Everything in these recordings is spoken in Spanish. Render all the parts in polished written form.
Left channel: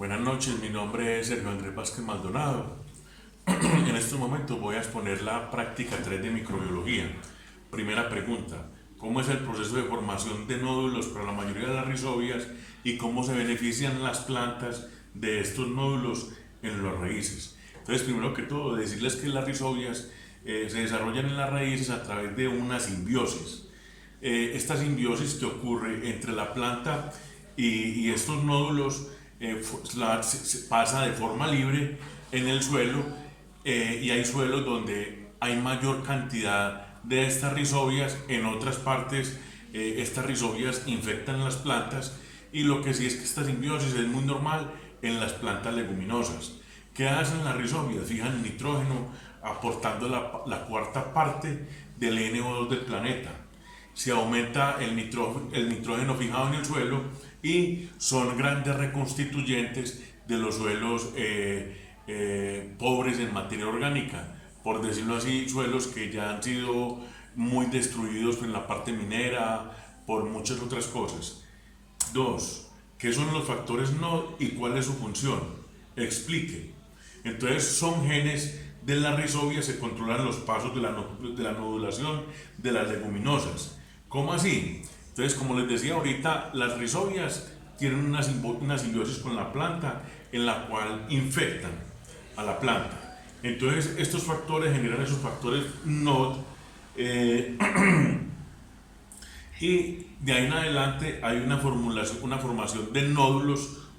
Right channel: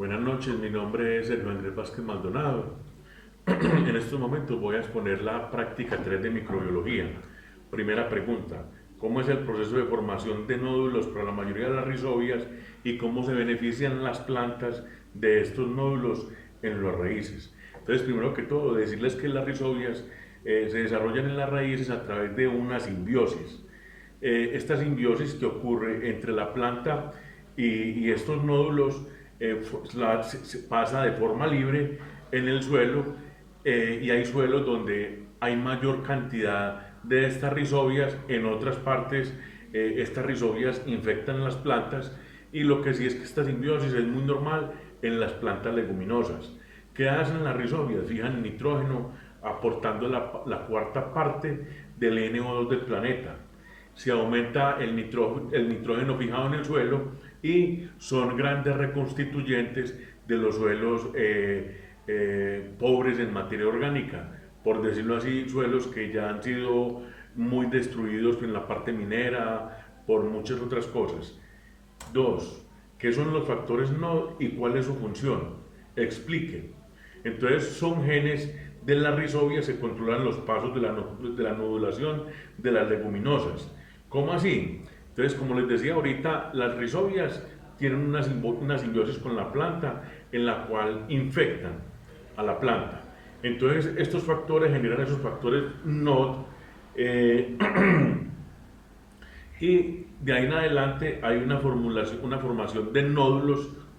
Buenas noches, mi nombre es Sergio Andrés Vázquez Maldonado. En estos momentos voy a exponer la práctica 3 de microbiología. Primera pregunta: ¿cómo es el proceso de formación de nódulos para la mayoría de las rizobias y cómo se benefician las plantas de estos nódulos en las raíces? Entonces, primero que todo, decirles que las rizobias se desarrollan en las raíces a través de una simbiosis. Esta simbiosis que ocurre entre la planta y estos nódulos pasa de forma libre en el suelo, y hay suelos donde hay mayor cantidad de estas rizobias. En otras partes estas rizobias infectan las plantas, y lo que sí es que esta simbiosis es muy normal en las plantas leguminosas. ¿Qué hacen las rizobias? Fijan el nitrógeno aportando la cuarta parte del NO2 del planeta. Se aumenta el nitrógeno fijado en el suelo y son grandes reconstituyentes de los suelos pobres en materia orgánica, por decirlo así, suelos que ya han sido muy destruidos en la parte minera, por muchas otras cosas. Dos, ¿qué son los factores NOD y cuál es su función? Explique. Entonces, son genes de la rizobia, se controlan los pasos de la nodulación de las leguminosas. ¿Cómo así? Entonces, como les decía ahorita, las rizobias tienen una simbiosis con la planta en la cual infectan a la planta. Entonces, estos factores generan esos factores NOD, y de ahí en adelante hay una formación de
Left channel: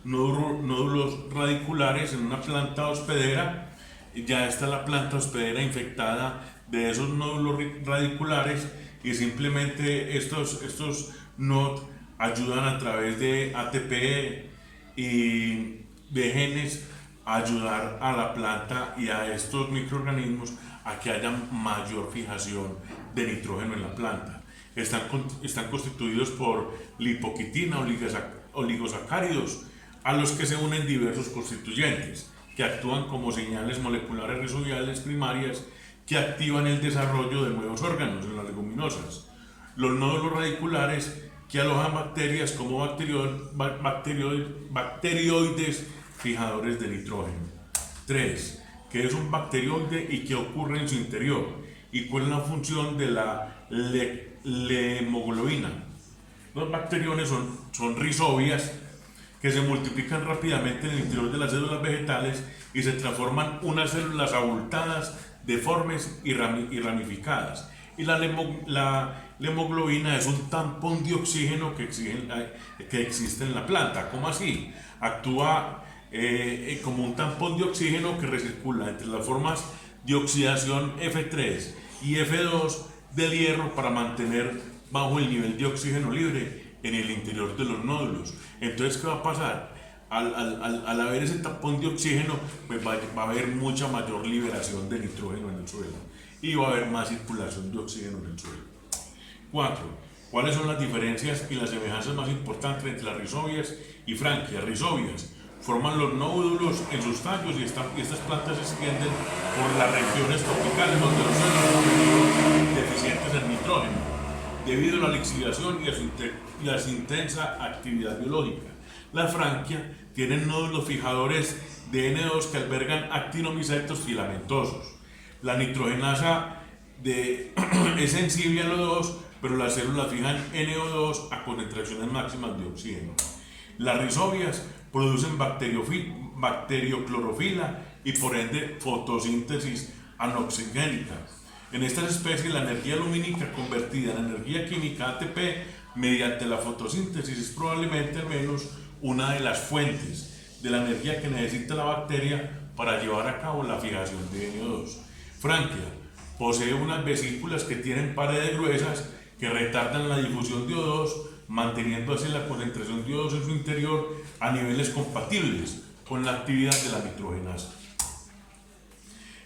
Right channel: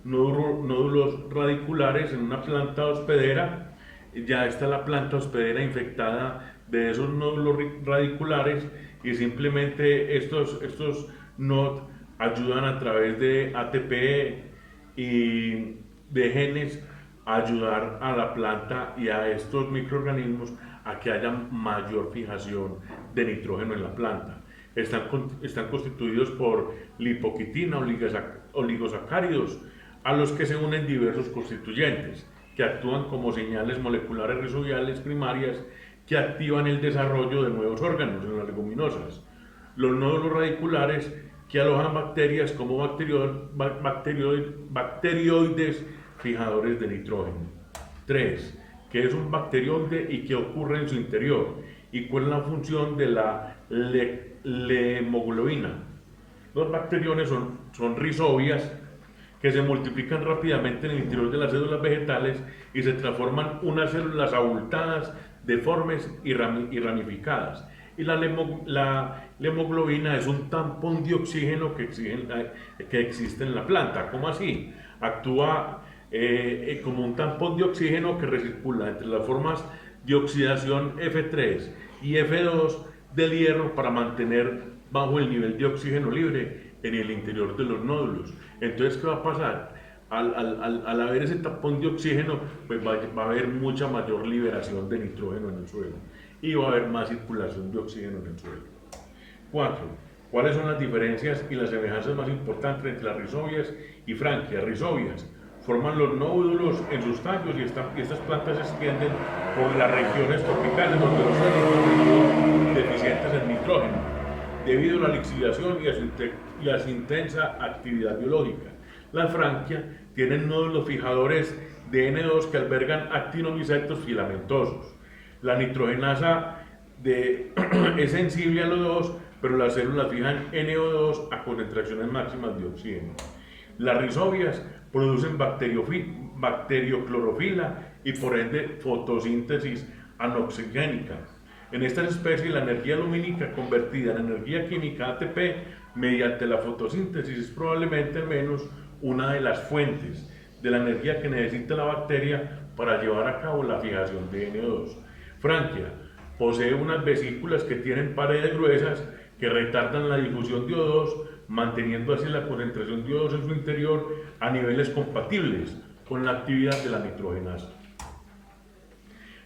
nódulos radiculares en una planta hospedera. Ya está la planta hospedera infectada de esos nódulos radiculares, y simplemente estos NOD ayudan a través de ATP y de genes a ayudar a la planta y a estos microorganismos a que haya mayor fijación de nitrógeno en la planta. Están constituidos por lipoquitina, oligosacáridos, a los que se unen diversos constituyentes que actúan como señales moleculares rizobiales primarias que activan el desarrollo de nuevos órganos en las leguminosas. Los nódulos radiculares que alojan bacterias como bacterioides fijadores de nitrógeno. 3. ¿Qué es un bacterioide y qué ocurre en su interior? ¿Y cuál es la función de la hemoglobina? Los bacteriones son rizobias que se multiplican rápidamente en el interior de las células vegetales y se transforman unas células abultadas, deformes y ramificadas. Y la hemoglobina es un tampón de oxígeno que existe en la planta. ¿Cómo así? Actúa como un tampón de oxígeno que recircula entre las formas de oxidación F3 y F2 del hierro para mantener bajo el nivel de oxígeno libre en el interior de los nódulos. Entonces, ¿qué va a pasar? Al haber ese tapón de oxígeno, pues va a haber mucha mayor liberación de nitrógeno en el suelo y va a haber más circulación de oxígeno en el suelo. 4. ¿Cuáles son las diferencias y las semejanzas más importantes entre las rizobias y franquias? Rizobias forman los nódulos en sus tallos, y estas plantas se extienden por las regiones tropicales donde los suelos son deficientes en nitrógeno debido a la lixiviación y a su intensa actividad biológica. Las franquias tienen nódulos fijadores de N2 que albergan actinomycetos filamentosos. La nitrogenasa es sensible al O2, pero las células fijan NO2 a concentraciones máximas de oxígeno. Las rizobias producen bacterioclorofila y por ende fotosíntesis anoxigénica. En estas especies, la energía lumínica convertida en energía química ATP mediante la fotosíntesis es probablemente al menos una de las fuentes de la energía que necesita la bacteria para llevar a cabo la fijación de NO2. Franquia posee unas vesículas que tienen paredes gruesas que retardan la difusión de O2, manteniendo así la concentración de O2 en su interior a niveles compatibles con la actividad de la nitrogenasa.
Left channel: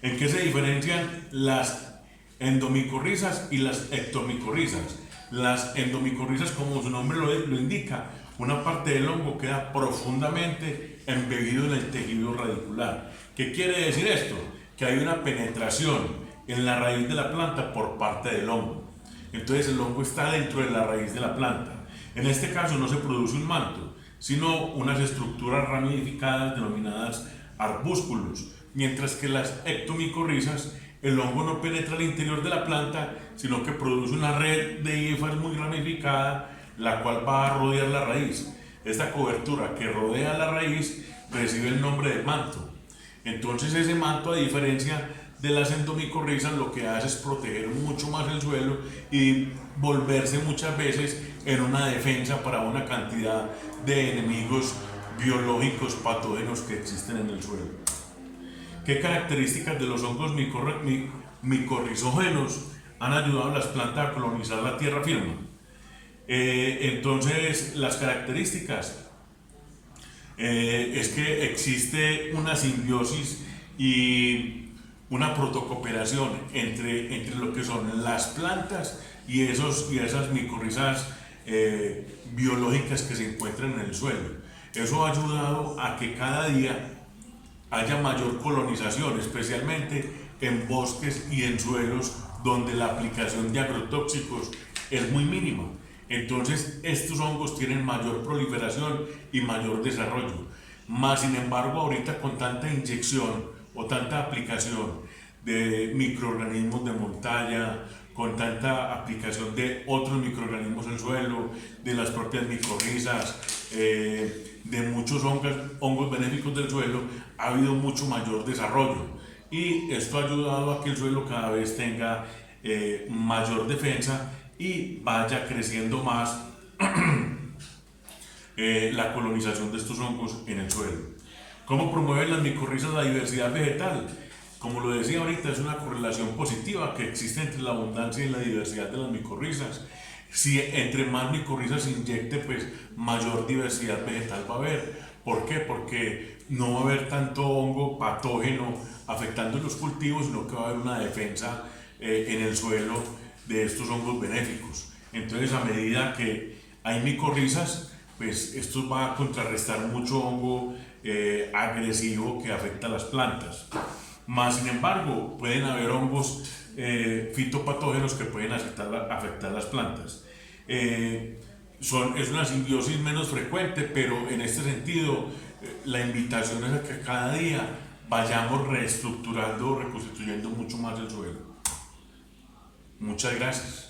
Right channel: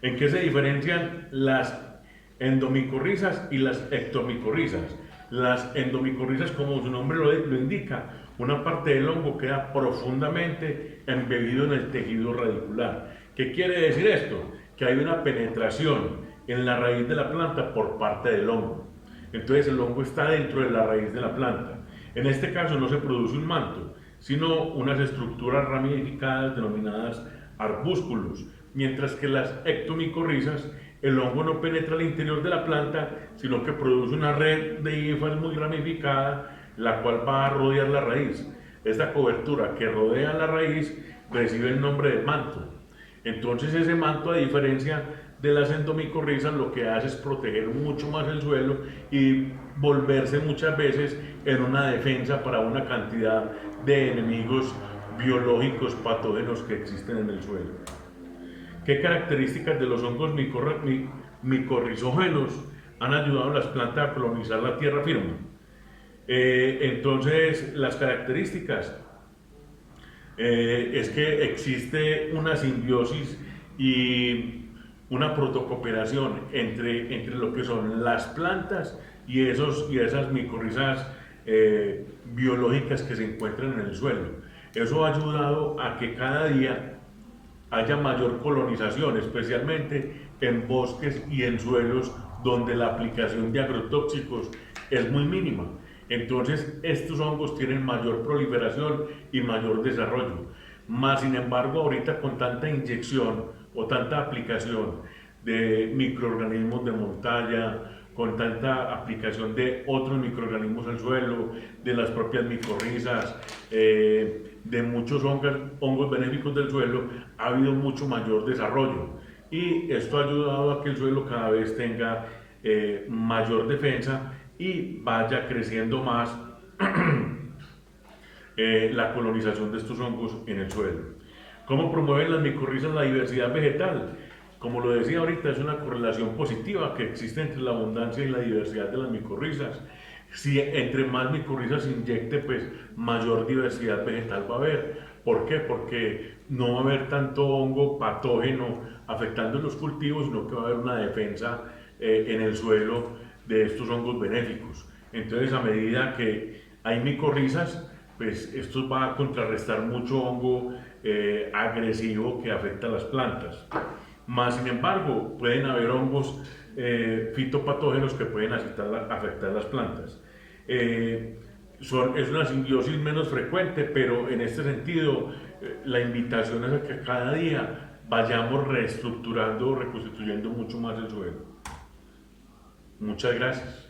¿En qué se diferencian las endomicorrizas y las ectomicorrizas? Las endomicorrizas, como su nombre lo indica, una parte del hongo queda profundamente embebido en el tejido radicular. ¿Qué quiere decir esto? Que hay una penetración en la raíz de la planta por parte del hongo. Entonces el hongo está dentro de la raíz de la planta. En este caso no se produce un manto, sino unas estructuras ramificadas denominadas arbúsculos, mientras que las ectomicorrizas, el hongo no penetra al interior de la planta, sino que produce una red de hifas muy ramificada, la cual va a rodear la raíz. Esta cobertura que rodea la raíz recibe el nombre de manto. Entonces ese manto, a diferencia de las endomicorrizas, lo que hace es proteger mucho más el suelo y volverse muchas veces en una defensa para una cantidad de enemigos biológicos patógenos que existen en el suelo. ¿Qué características de los hongos micorrizógenos han ayudado a las plantas a colonizar la tierra firme? Entonces, las características es que existe una simbiosis y una protocooperación entre lo que son las plantas y esas micorrizas biológicas que se encuentran en el suelo. Eso ha ayudado a que cada día haya mayor colonización, especialmente en bosques y en suelos donde la aplicación de agrotóxicos es muy mínima. Entonces estos hongos tienen mayor proliferación y mayor desarrollo. Más sin embargo, ahorita con tanta inyección o tanta aplicación de microorganismos de montaña, con tanta aplicación de otros microorganismos al suelo, de las propias micorrizas, de muchos hongos benéficos del suelo, ha habido mucho mayor desarrollo, y esto ha ayudado a que el suelo cada vez tenga mayor defensa y vaya creciendo más la colonización de estos hongos en el suelo. ¿Cómo promueven las micorrizas la diversidad vegetal? Como lo decía ahorita, es una correlación positiva que existe entre la abundancia y la diversidad de las micorrizas. Si entre más micorrizas se inyecte, pues mayor diversidad vegetal va a haber. ¿Por qué? Porque no va a haber tanto hongo patógeno afectando los cultivos, sino que va a haber una defensa en el suelo de estos hongos benéficos. Entonces, a medida que hay micorrizas, pues esto va a contrarrestar mucho hongo agresivo que afecta a las plantas. Más sin embargo, pueden haber hongos fitopatógenos que pueden afectar las plantas. Es una simbiosis menos frecuente, pero en este sentido la invitación es a que cada día vayamos reestructurando, reconstituyendo mucho más el suelo. Muchas gracias.